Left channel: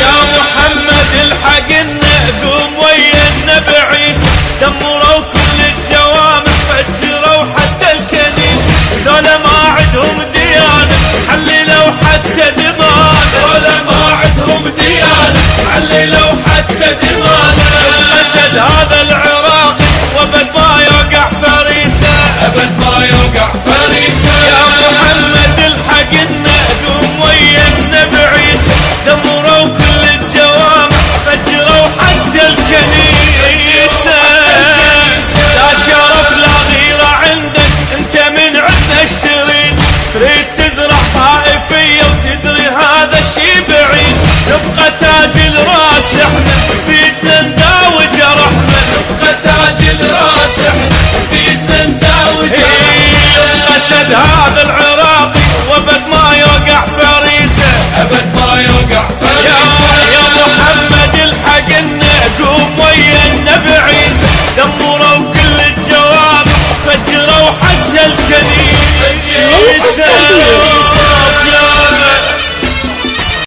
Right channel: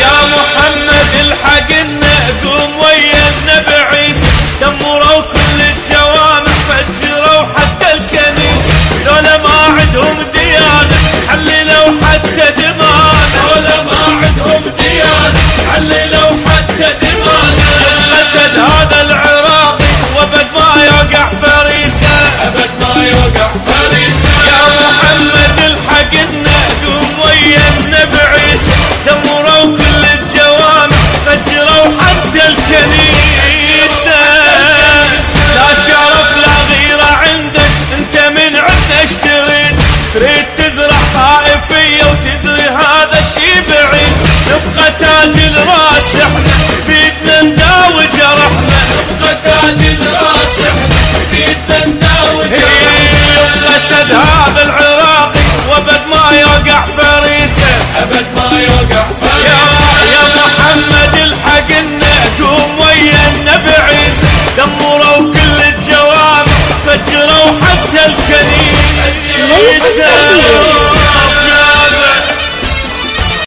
يا محمد الحقنا قوم ويا النبي عيسى، دمروا كل الجوامع فجروا حتى الكنيسة، لولا ما عندهم ديانة حللوا حتى دمانا، لولا ما عندهم ديانة حللوا حتى دمانا. يبقى سد هذا العراقي وابد ما يوقع فريسة، ابد ما يوقع فريسة. يا محمد الحقنا قوم ويا النبي عيسى، دمروا كل الجوامع فجروا حتى الكنيسة. لا شرف لا غيرة عندك، انت من عندنا ايش تريد تزرع طائفية وتدري هذا الشي بعيد. نبقى تاج الراس احنا بيدنا نداوي جرحنا، نبقى تاج الراس احنا بيدنا نداوي جرحنا. يبقى سد هذا العراقي وابد ما يوقع فريسة، ابد ما يوقع فريسة. يا محمد الحقنا قوم ويا النبي عيسى، دمروا كل الجوامع فجروا حتى الكنيسة.